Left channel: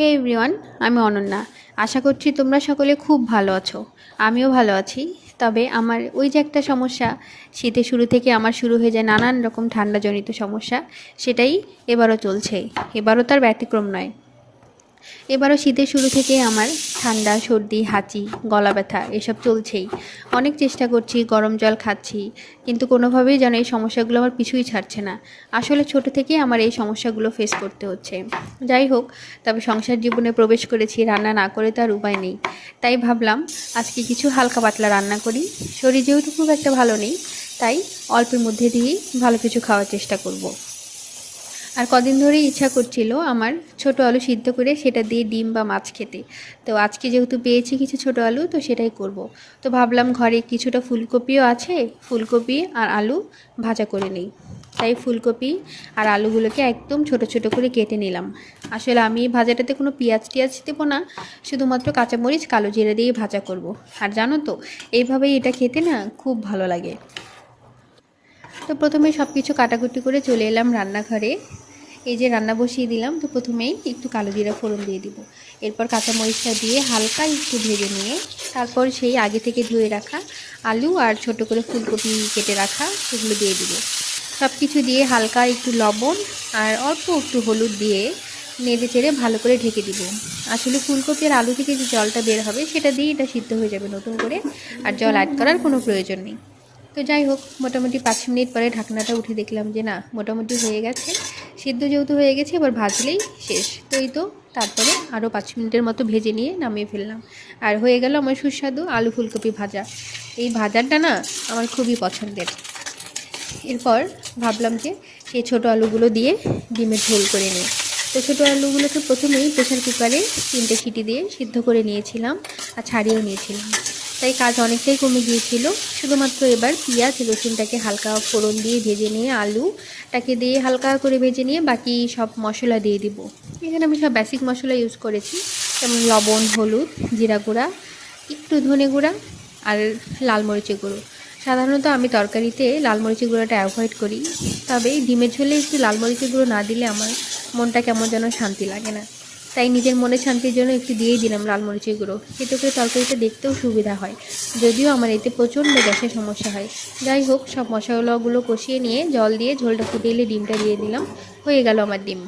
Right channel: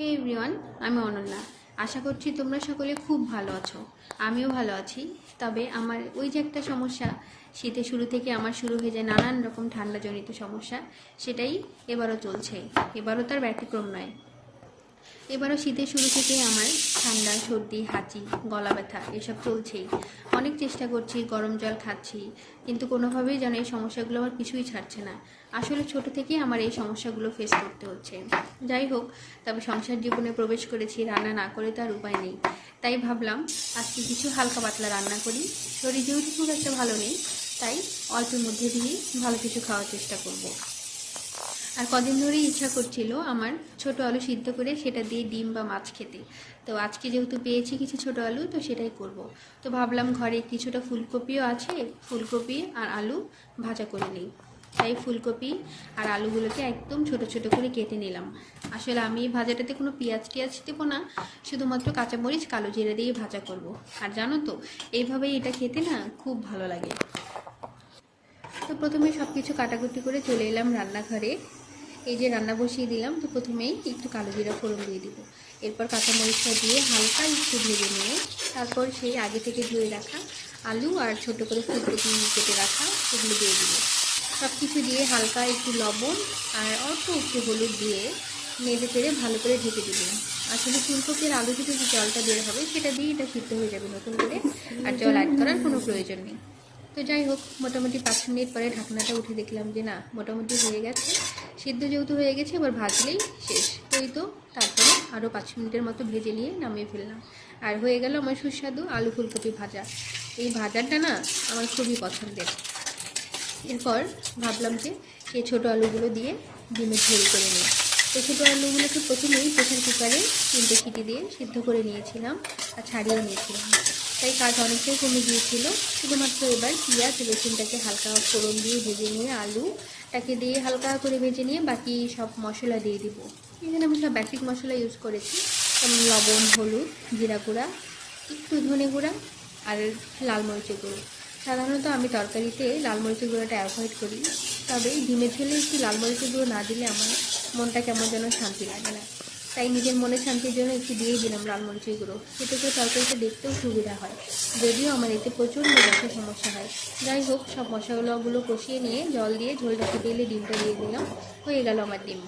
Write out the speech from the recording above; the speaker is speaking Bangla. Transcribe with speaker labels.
Speaker 1: হে এভরিওয়ান আমি অনন্যা। আশা করছি তোমরা সকলে খুব ভালো আছো। আমিও ভালো আছি। তবে আমার ওই যে একটা সমস্যা, শীতের শুরু থেকে আমার শুরু হয়ে যায় নানান রকম ঠান্ডাজনিত সমস্যা, সেটাই এবারও চলছে। এবারও তার ব্যতিক্রম নয়। এবারও শীতের শুরু থেকে আমার ঠান্ডা, সর্দি, হাঁচি, গলা ব্যথা এসব চলছেই। অনেক চেষ্টা করছি, গরম জল খাচ্ছি, কিন্তু কোনোভাবেই যেন এই সমস্যাগুলো আমার পিছুই ছাড়ছে না। আসলে ছোট থেকেই আমার এই সমস্যাগুলো ফেস করতে হচ্ছে। যাই হোক, তবে সংসার জীবনে প্রবেশ করেছি, রান্না না করে তো আর উপায় নেই। তাই ভাবলাম, আজকে কিছু হালকা পাতলা রান্না করি। শরীর যেহেতু খুব একটা ভালো নেই, তাই অল্পের মধ্যে দিয়েই ভালো কিছু খাওয়ার চেষ্টা করব। আর কদিন ধরেই ইচ্ছা করছিল আমার ছোট আলু সিদ্ধ করে সেটা দিয়ে ডিম বা মাছ খেতে। তো আজকে যেহেতু পেয়েছি কিছু ছোট আলু, তো সেটাই করব। তো ভাবলাম ঘরে কিছুটা ফুলকপিও আছে, ফুলকপি আর আলু ভাজা করে নিই। তাই ফুলকপি আর আলুগুলোকে একদম ছোট ছোট করে কেটে নিলাম। আসলে আমি ভাজাটাতে কোনো পেঁয়াজ টিয়াজ দেবো না, শুধুমাত্র কাঁচামরিচ, কালো জিরে দিয়ে ভাজা করব। আর জানো তো, এইভাবেই এটা খেতে না খুব ভালো লাগে। তো প্রথমে সব কিছু কাটাকুটি করে চলে এলাম রান্নাঘরে। এই যে রান্না বসিয়ে দিলাম, তো প্রথমেই একটু কালো জিরা ফোড়ন দিয়ে দিব। এরপর কাঁচামরিচটা দিয়ে হালকা একটু ভেজে নিয়ে, তারপর সেই আগে থেকে ধুয়ে রাখা আলু আর ছোট করে ফুলকপি কেটে রাখা সেগুলো দিয়ে দিব। সব কিছু দিয়ে হালকা একটু লবণ আর অল্প একটু হলুদ দিয়ে নেড়ে চেড়ে ভালো করে ঢেকে দিব। আসলে ফুলকপি আর আলু থেকে যে জলটা বের হবে, সেটা দিয়ে এটা সিদ্ধ হয়ে যাবে নতুন করে, আর জল অ্যাড করার কোনো প্রয়োজন নেই। তো যাই হোক, মোটামুটি পাঁচ মিনিট পরে ঢাকনাটা উঠে দেখলাম যে না, মোটামুটি হয়ে গেছে। সিদ্ধ যেহেতু হয়ে গেছে, এবার ভাজলেই শেষ। তো এই তো, তারপরে আরও পাঁচ মিনিটের মতো ভেজে নিয়ে নামিয়ে ফেললাম। আর হয়ে গেল আমার সুস্বাদু আলু ফুলকপি ভাজা। এই ভাজাটা না আমার খুবই পছন্দের। এরপর ভাবলাম যে সেই ছোটো আলুগুলো দিয়ে ডিমের ঝোল করে নিই। তো ছোটো আলুগুলোকে প্রথমেই প্রেশার কুকারে তিনটে সিটি দিয়ে সিদ্ধ করে নিয়েছিলাম আর ছাড়িয়েও নিয়েছিলাম। তাই কাজ অনেকটাই কমে গিয়েছিল। শুধুমাত্র এবার পেঁয়াজ রসুনটাকে হালকা ফোড়ন দিয়ে ভেজে নিয়ে আলুটাকে দিয়ে হালকা করে ভেজে নিয়ে বাকি সব মশলা দিয়ে দিব। এখানে আমি সব বেসিক মশলা ইউজ করেছি, যেমন লবণ, হলুদ, জিরা গুঁড়া, একটু ধনে গুঁড়া আর লাল মরিচের গুঁড়ো। সাধারণত আমি তরকারিতে লাল মরিচের গুঁড়োটা অ্যাভয়েড করি, তবে ডিমের ঝোলে একটু লাল মরিচের গুঁড়ো না দিলে আমার মনটা কেমন যেন শান্তি লাগে না। তাই নিজের মনে শান্তির জন্য একটু দিয়েই দিলাম লাল মরিচের গুঁড়ো। এতে করে তরকারিটা দেখতেও সুবিধা হয়। যদিও আমার এতে প্রচণ্ড গ্যাসের সমস্যা হয়। যাই হোক, সব মশলাগুলো কষিয়ে নিয়ে জল দিয়ে ঝোলটা ফুটে এলে ডিমটা দিয়ে দিলাম। হয়ে গেল আমার ডিম।